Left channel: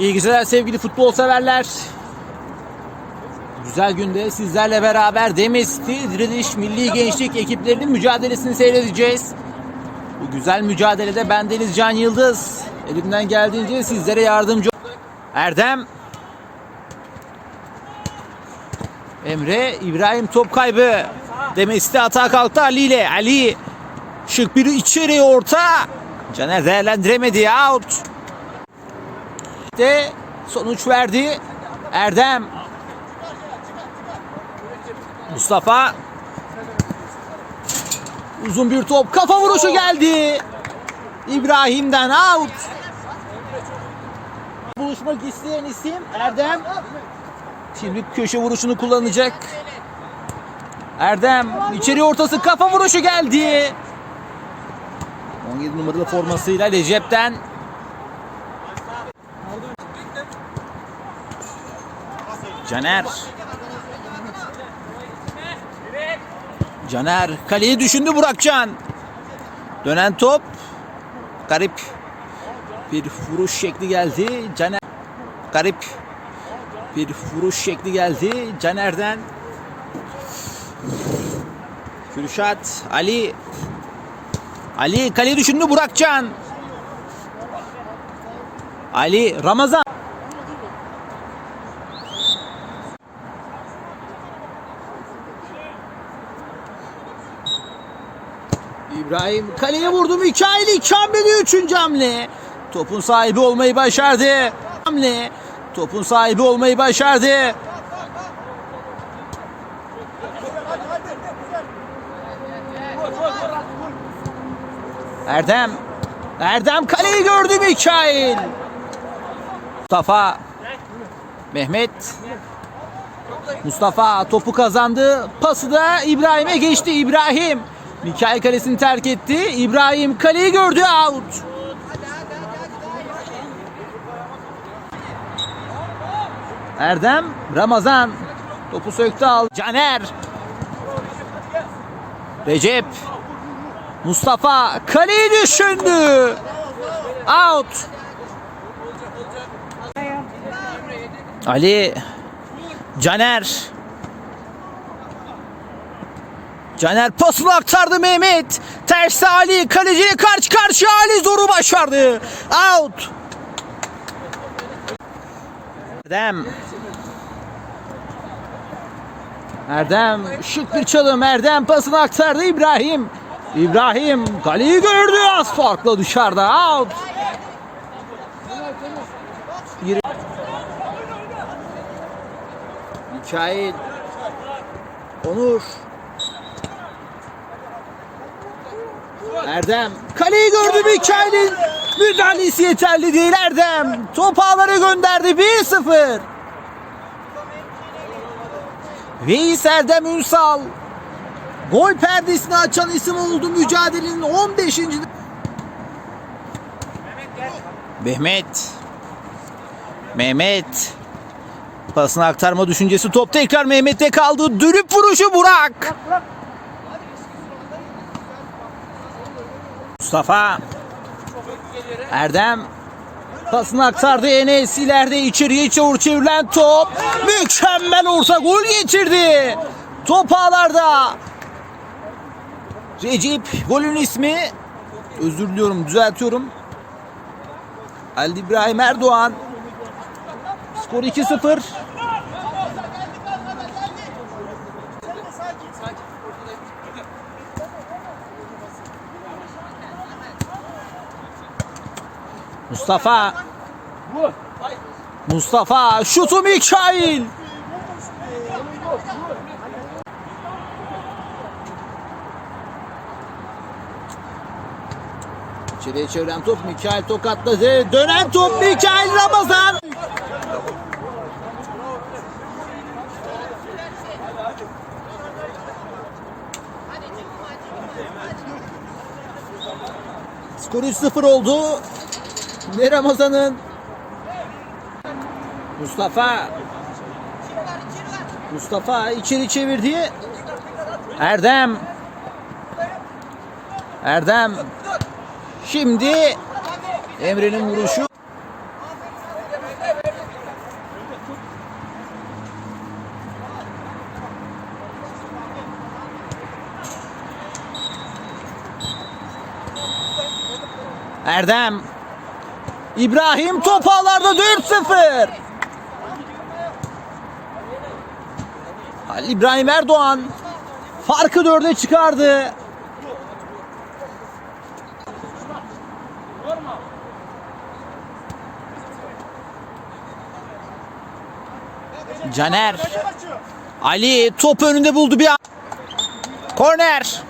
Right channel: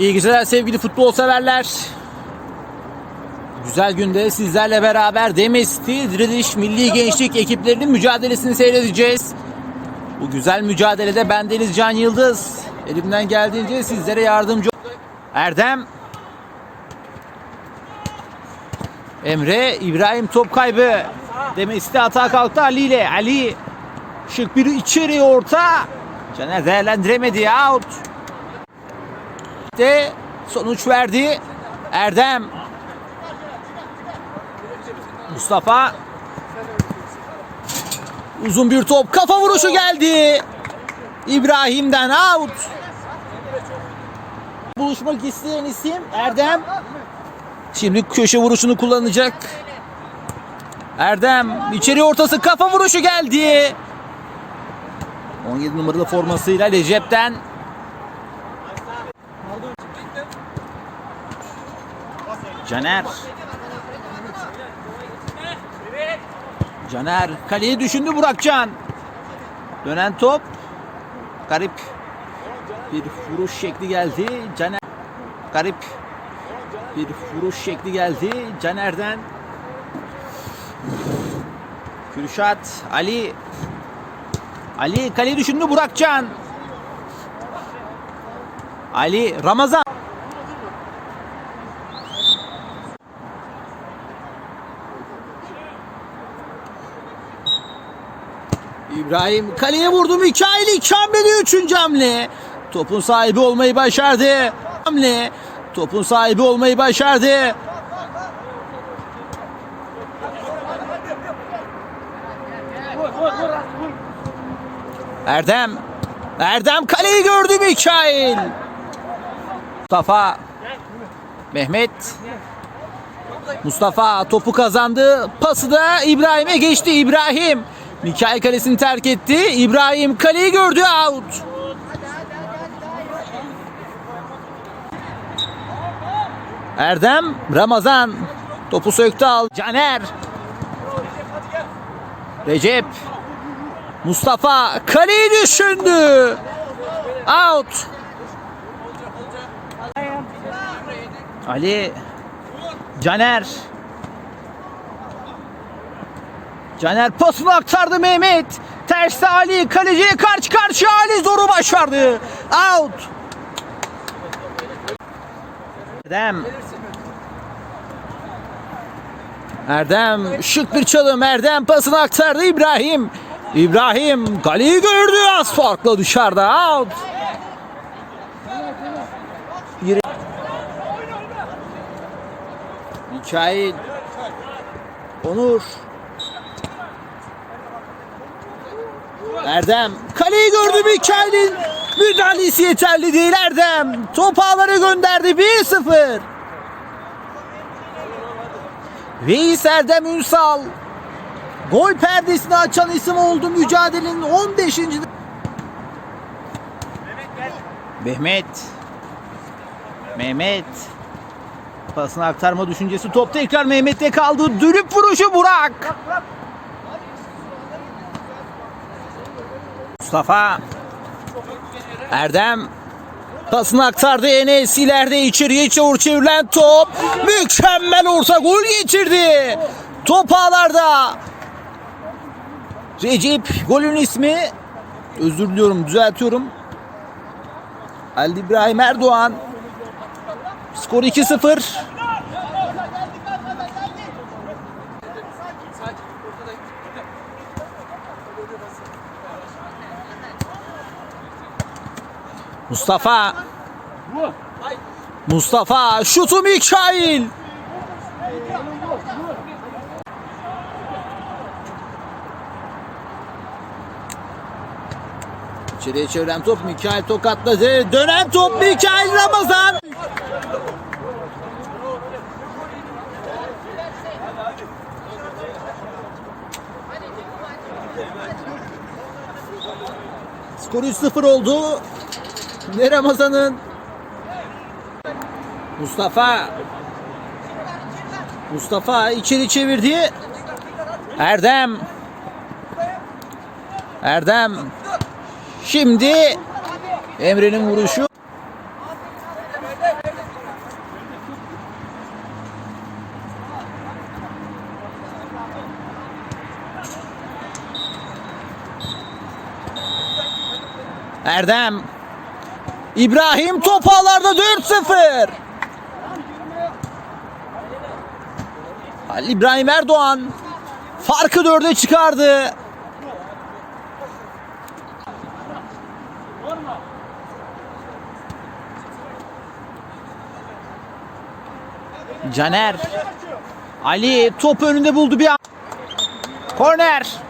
İyi geceler sevgili futbol severler. Güzel günde sizlerle beraber Demesti, Diriliş, Milli Gençlik ekiplerinin mücadelesini seyredeceğiz. Bu güzel mücadelede ben Deniz Can Yıldız. Elimden geldiğince sizlere yardımcı Erdem Emre İbrahim top kaybı. Demesti hata kalktı Ali ile. Ali şık bir içeri orta. Caner değerlendiremedi out. De sonuç verdi. Erdem Mustafa uzun bir top kafa vuruşu geldi. İbrahim'den out. Buluşmak isteyen isim Erdem. Şimdi köşe vuruşunu kullanacak. Erdem içeri ortası kafa vuruşu geldi. 17 numaralı formasıyla Recep'ten Caner. Caner kaleyi düşündü Burakcan. Dönen top. Garip bir vuruş şekli geldi. Caner garip bir vuruş şekli geldi. Caner'den Kürşat Ali Ali kaleyi düşündü Burakcan. Ali Ramazan İbrahim kaleye vurdu Mikail Kamil'i üçüncü hamle. Topun sahibi olmayı başardı. Hamle. Topun sahibi olmayı başardı. Erdem. Erdem kaleyi gördü Mikail. Mustafa. Mehmet. Mustafa topu kazandı. Pası da İbrahim'e geçti. İbrahim. Mikail kalesini terk etti. İbrahim kaleyi gördü. Out. Erdem. Ramazan. Topu söktü al. Caner. Recep. Mustafa kaleyi düşündü. Out. Ali. Caner. Caner pasını aktardı Mehmet. Terste Ali kaleciye karşı karşıya Ali zoru başardı. Out. Erdem. Erdem şık bir çalım. Erdem pasını aktardı İbrahim. İbrahim kaleyi gördü az farklı dışarıda. Out. Mikail. Onur. Erdem kaleyi gördü Mikail'in müdahalesi yeterli değil Erdem. Top ağlara gönderdi 1-0. Veys Erdem Ünsal gol perdesini açan isim oldu mücadelenin 15. Mehmet Mehmet pasını aktarma düşüncesi top tekrar Mehmet'te kaldı. Dürüp vuruşu Burak. Mustafa. Erdem. Pasını aktardı Enes ileride içeriye çavur çevrilen top. Mükemmel olsa gol getirdi. Top ağlarda. Recep golün ismi. Özür diliyorum düzeltiyorum. Ali İbrahim Erdoğan. Skor 2-0 Mustafa Mustafa şutu Mikail İçeriye çeviren top Mikail tokatladı. Dönen top Mikail Ramazan. Skor 3-0 oldu. Şimdi Ramazan'ın? Mustafa. Mustafa içeri çevirdi. Erdem. Erdem. Şimdi Emre'nin vuruşu. Erdem. İbrahim top ağlarda 4-0. Halil İbrahim Erdoğan farkı dörde çıkardı. Caner. Ali top önünde buldu bir an. Korner.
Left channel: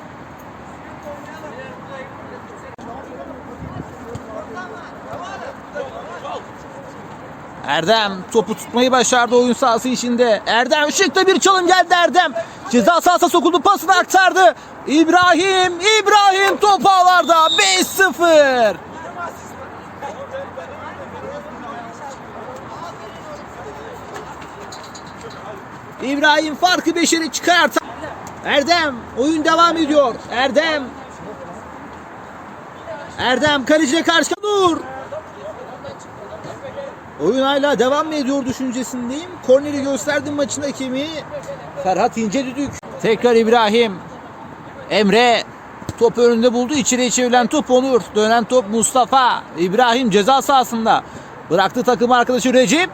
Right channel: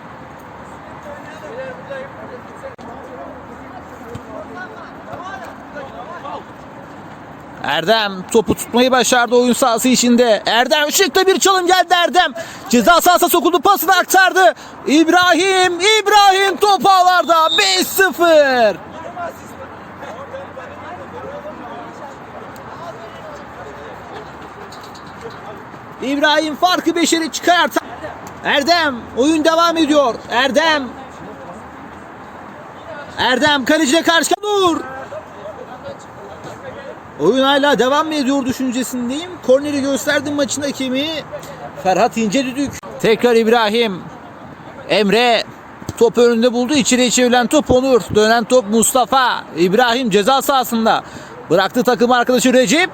Erdem topu tutmayı başardı oyun sahası içinde. Erdem şıkta bir çalım geldi Erdem. Ceza sahasına sokuldu pasını aktardı. İbrahim, İbrahim top ağlarda 5-0. İbrahim farkı 5'e çıkarttı. Erdem oyun devam ediyor. Erdem. Erdem kaleciye karşı dur. Oyun hala devam mı ediyor düşüncesindeyim. Korneri gösterdim maçın hakemi. Ferhat İnce düdük. Tekrar İbrahim. Emre top önünde buldu. İçeriye çevrilen top Onur. Dönen top Mustafa. İbrahim ceza sahasında. Bıraktı takım arkadaşı Recep.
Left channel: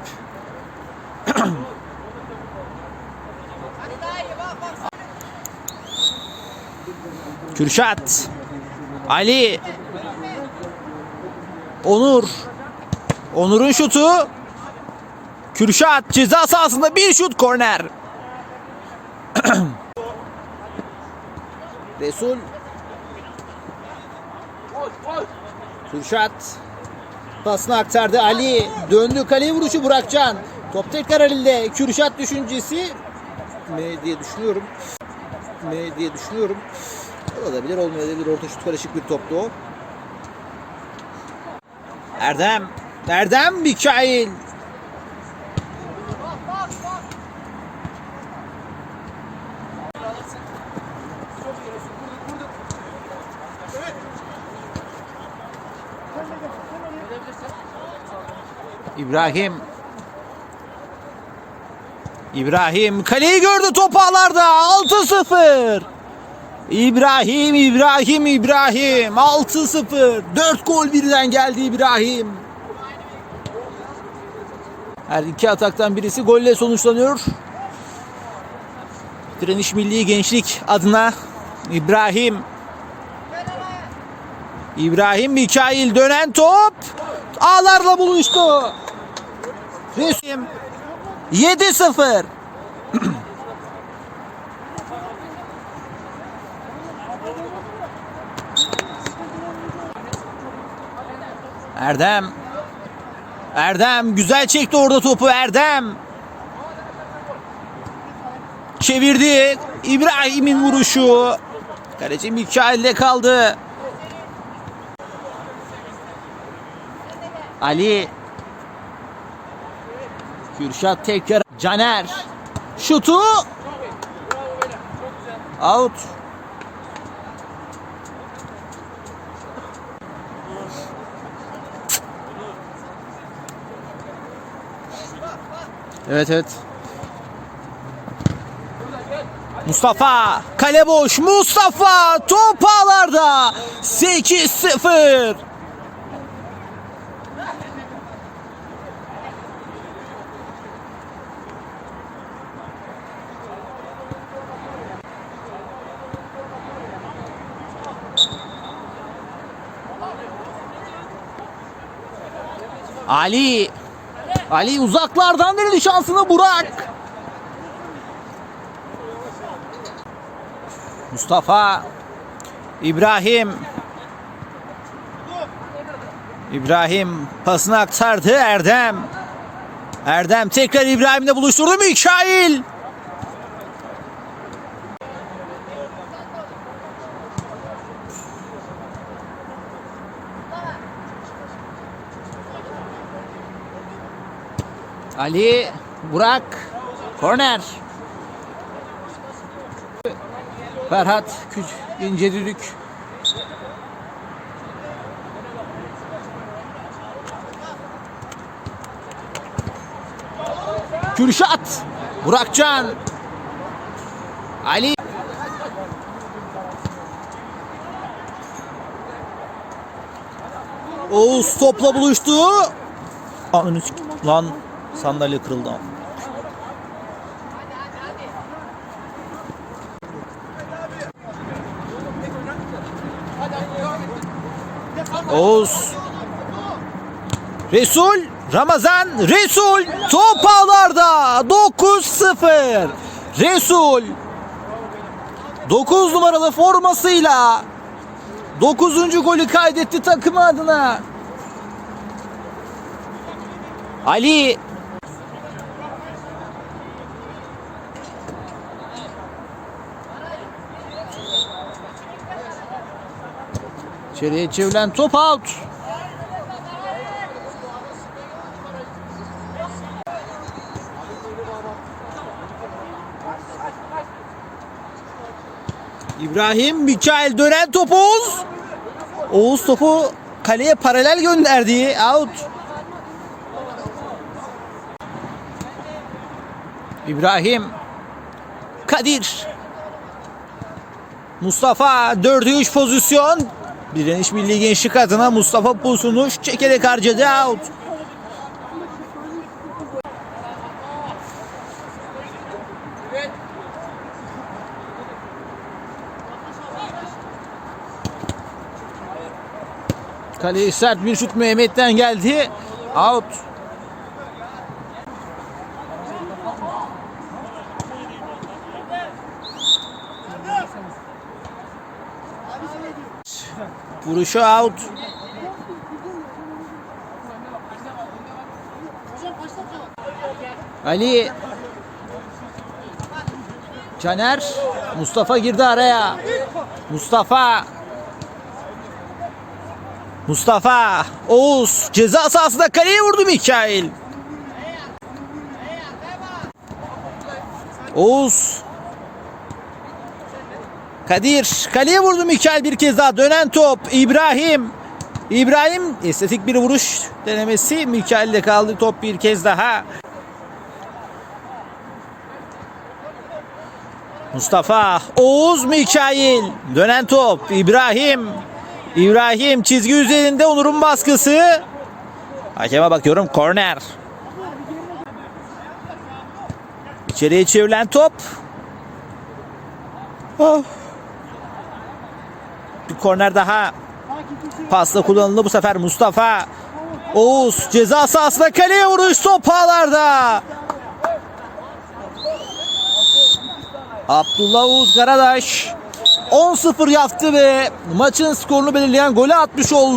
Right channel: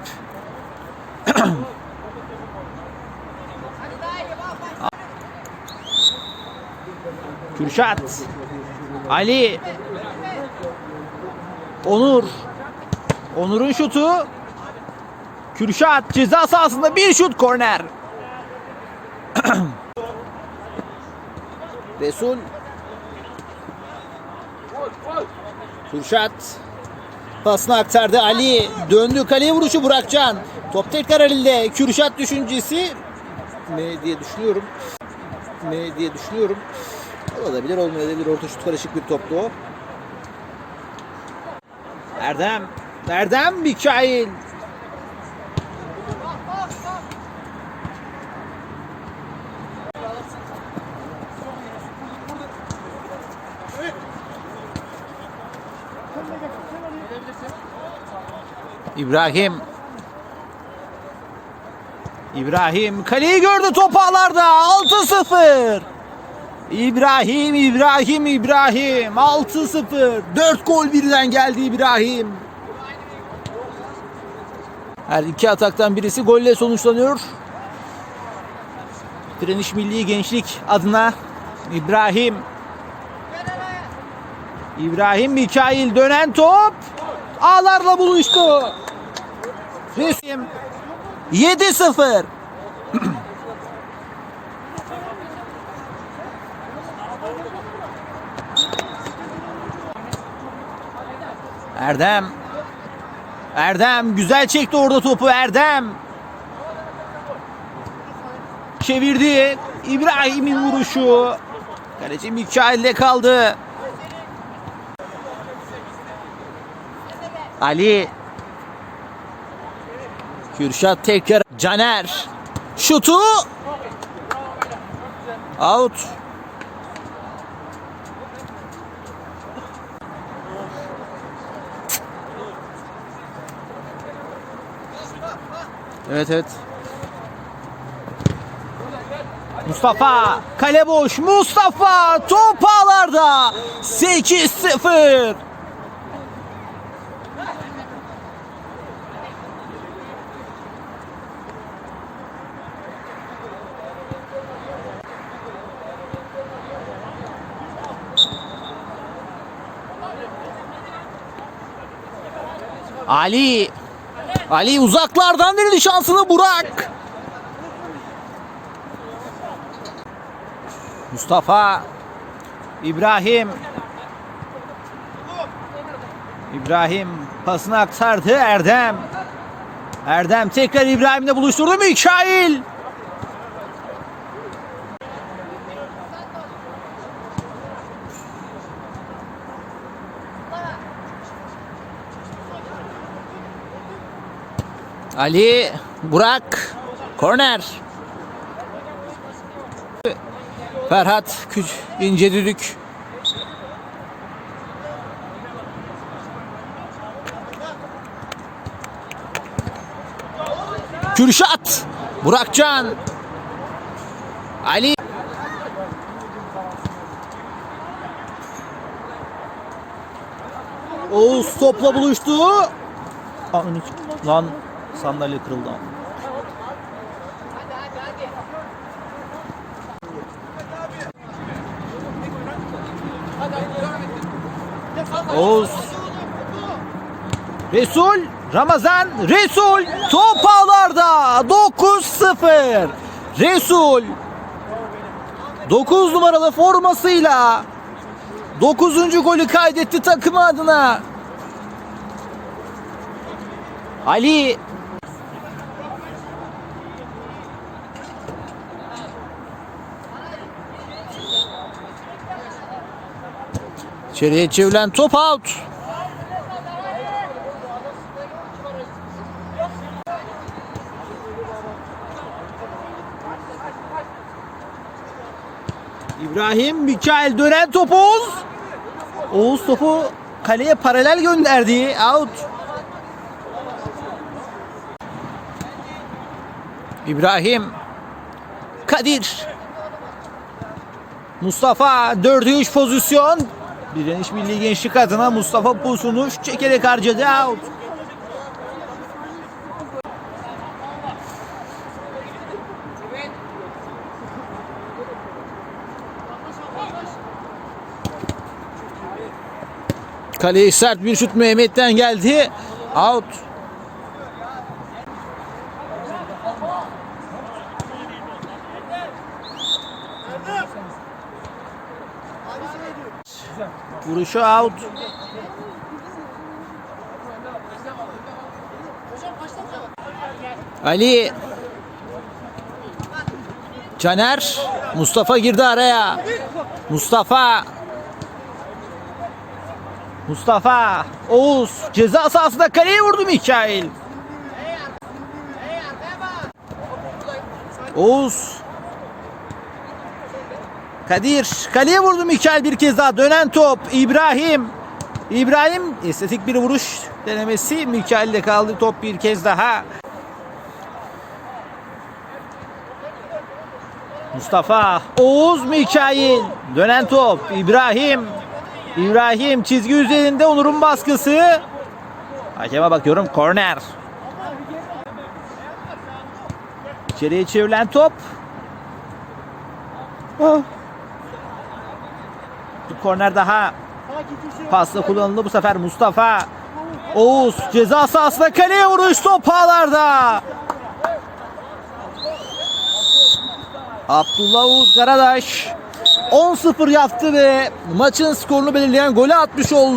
Kürşat. Ali. Onur. Onur'un şutu. Kürşat ceza sahasında bir şut korner. Resul. Kürşat. Pasını aktardı Ali. Döndü kaleye vuruşu Burakcan. Top tekrar elinde. Kürşat düşüncesi mi diye düşünüyorum. Mi diye düşünüyorum. Olabilir olmayabilir. Orta şut karışık bir toptu o. Erdem. Erdem Mikail. İbrahim. İbrahim kaleyi gördü top ağlarda 6-0. İbrahim, İbrahim, İbrahim 6-0. 4 gol birden geldi İbrahim. Her iki ataktan birisi golle sonuçlanıyor. Direniş Milli Gençlik adına İbrahim. İbrahim Mikail dönen top ağlarla buluştu. Resim 7-0. Erdem. Erdem güzel çekti orada topu Erdem. Çevirdi. İbrahim'in vuruşu. Kaleci Mikail'le kaldı. Ali. Kürşat tekrar. Caner. Şutu. Out. Evet evet. Mustafa kale boş. Mustafa top ağlarda. 8-0. Ali Ali uzaklardan denedi şansını Burak. Mustafa İbrahim İbrahim pasını aktardı Erdem. Erdem tekrar İbrahim'le buluşturdu Mikail. Ali Burak korner. Ferhat Küç ince düdük. Kürşat Burakcan Ali topla buluştu. Sik- Lan sandalye kırıldı. Oğuz. Resul. Ramazan. Resul. Top ağlarda. 9-0. Resul. 9 numaralı formasıyla 9. golü kaydetti takımı adına. Ali İçeriye çevrilen top out. İbrahim Mikael dönen top Oğuz. Oğuz topu kaleye paralel gönderdi. Out. İbrahim Kadir Mustafa 4'e 3 pozisyon. Direniş Milli Gençlik adına Mustafa Pusunuş çekerek harcadı out. Kaleye sert bir şut Mehmet'ten geldi. Out. Vuruşu out. Ali Caner Mustafa girdi araya. Mustafa Mustafa Oğuz ceza sahasında kaleye vurdu Mikail. Oğuz Kadir kaleye vurdu Mikail bir kez daha. Dönen top İbrahim. İbrahim estetik bir vuruş denemesi. Mikail'de kaldı top bir kez daha. Mustafa Oğuz Mikail. Dönen top İbrahim. İbrahim çizgi üzerinde Onur'un baskısı. Hakeme bakıyorum korner. İçeriye çevrilen top. Oh. Korner daha. Pasla kullanıldı. Bu sefer Mustafa Oğuz ceza sahasına kaleye vuruş top ağlarda Abdullah Oğuz Karadaş 10-0 yaptı ve maçın skorunu belirleyen golü atmış oldu.